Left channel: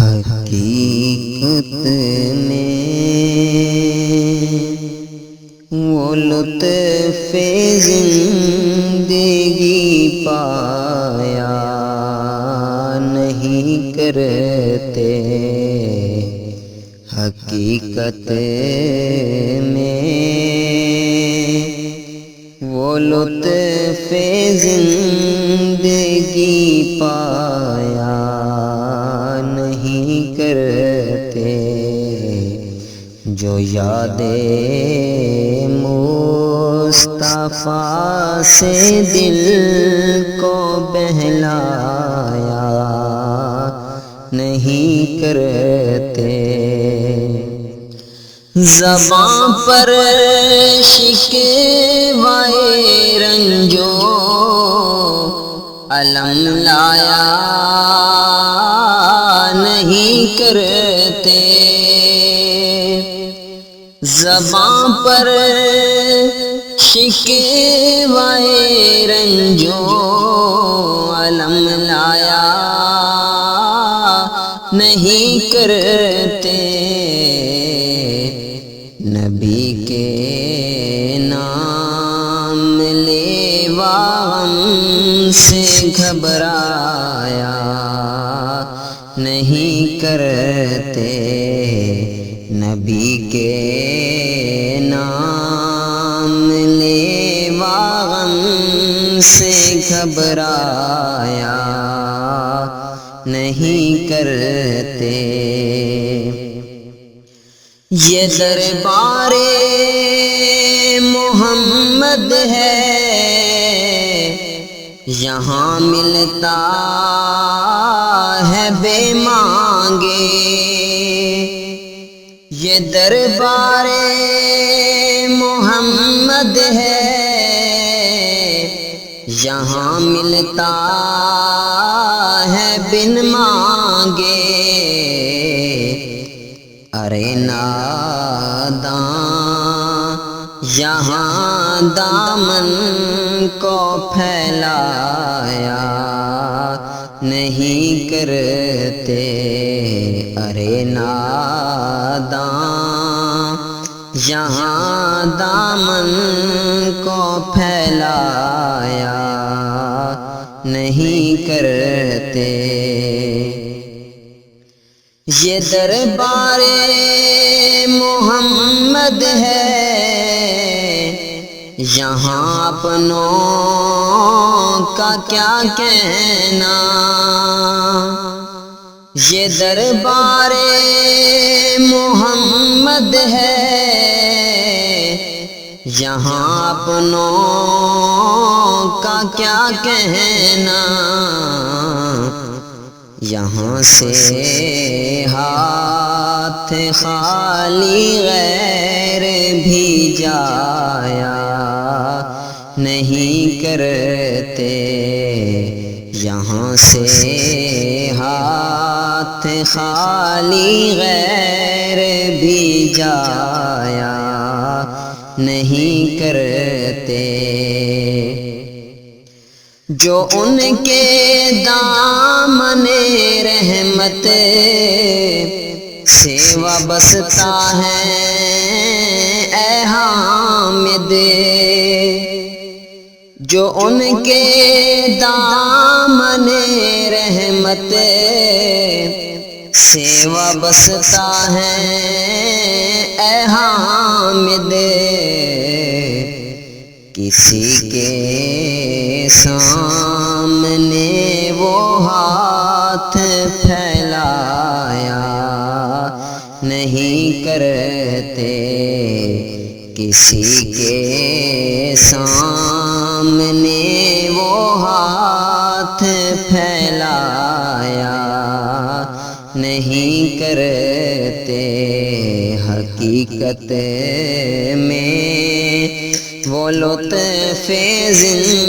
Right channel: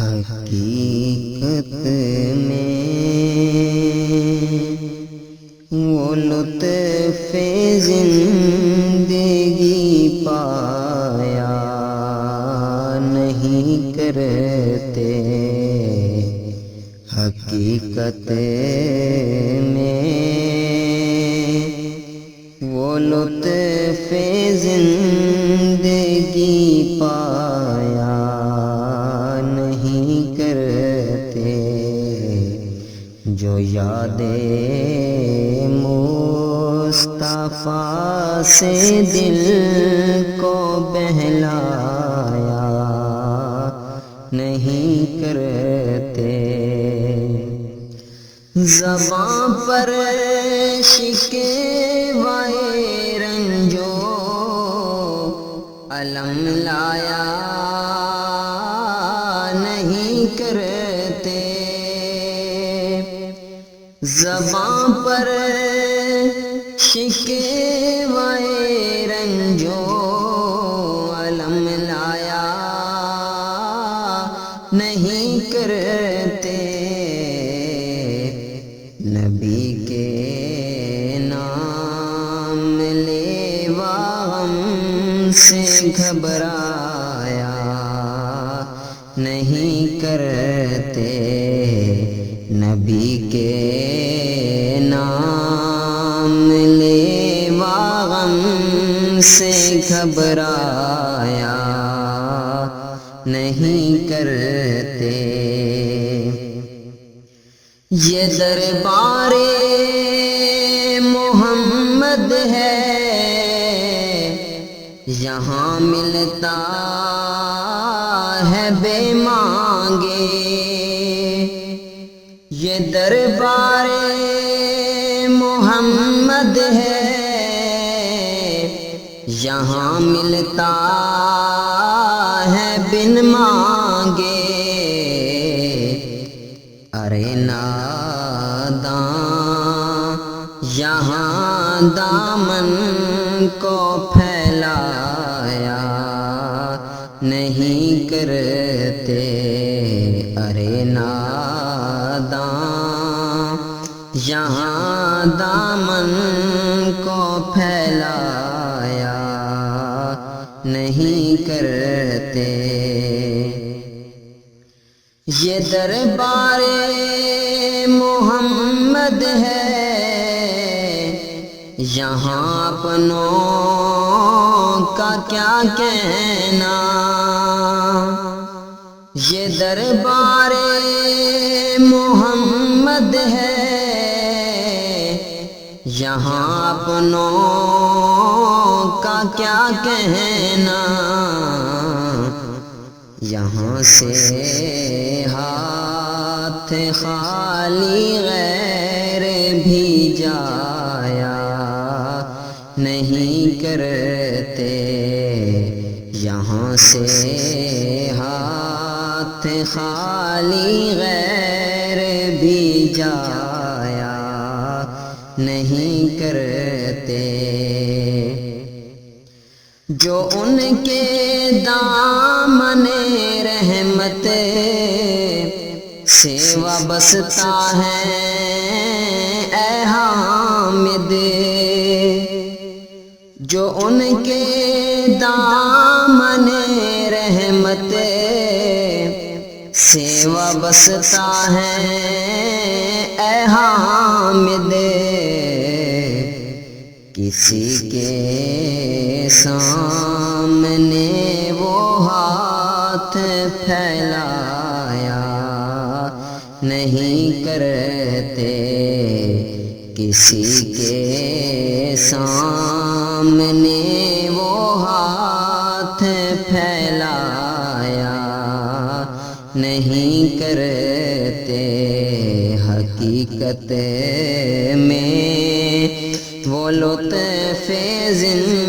حقیقت میں وہ لطف زندگی پایا نہیں کرتے، حقیقت میں وہ لطف زندگی پایا نہیں کرتے، جو یاد مصطفیٰ سے دل کو بہلایا نہیں کرتے، زبان پر شکوائے رنجو علم لایا نہیں کرتے، زبان پر شکوائے رنجو علم لایا نہیں کرتے، نبی کے نام لیوا ہم سے گھبرایا نہیں کرتے، نبی کے نام لیوا ہم سے گھبرایا نہیں کرتے، یہ دربار محمد ہے یہاں ملتا ہے بے مانگے، یہ دربار محمد ہے یہاں ملتا ہے بن مانگے، ارے ناداں یہاں دامن کو پھیلایا نہیں کرتے، ارے ناداں یہاں دامن کو پھیلایا نہیں کرتے، یہ دربار محمد ہے یہاں اپنوں کا کیا کہنا، یہ دربار محمد ہے یہاں اپنوں کا کیا کہنا، یہاں سے ہاتھ خالی غیر بھی جایا نہیں کرتے، یہاں سے ہاتھ خالی غیر بھی جایا نہیں کرتے، جو ان کے دامن رحمت سے وابستہ ہے اے حامد، جو ان کے دامن رحمت سے وابستہ ہے اے حامد، کسی کے سامنے وہ ہاتھ پھیلایا نہیں کرتے، کسی کے سامنے وہ ہاتھ پھیلایا نہیں کرتے، حقیقت میں وہ لطف زندگی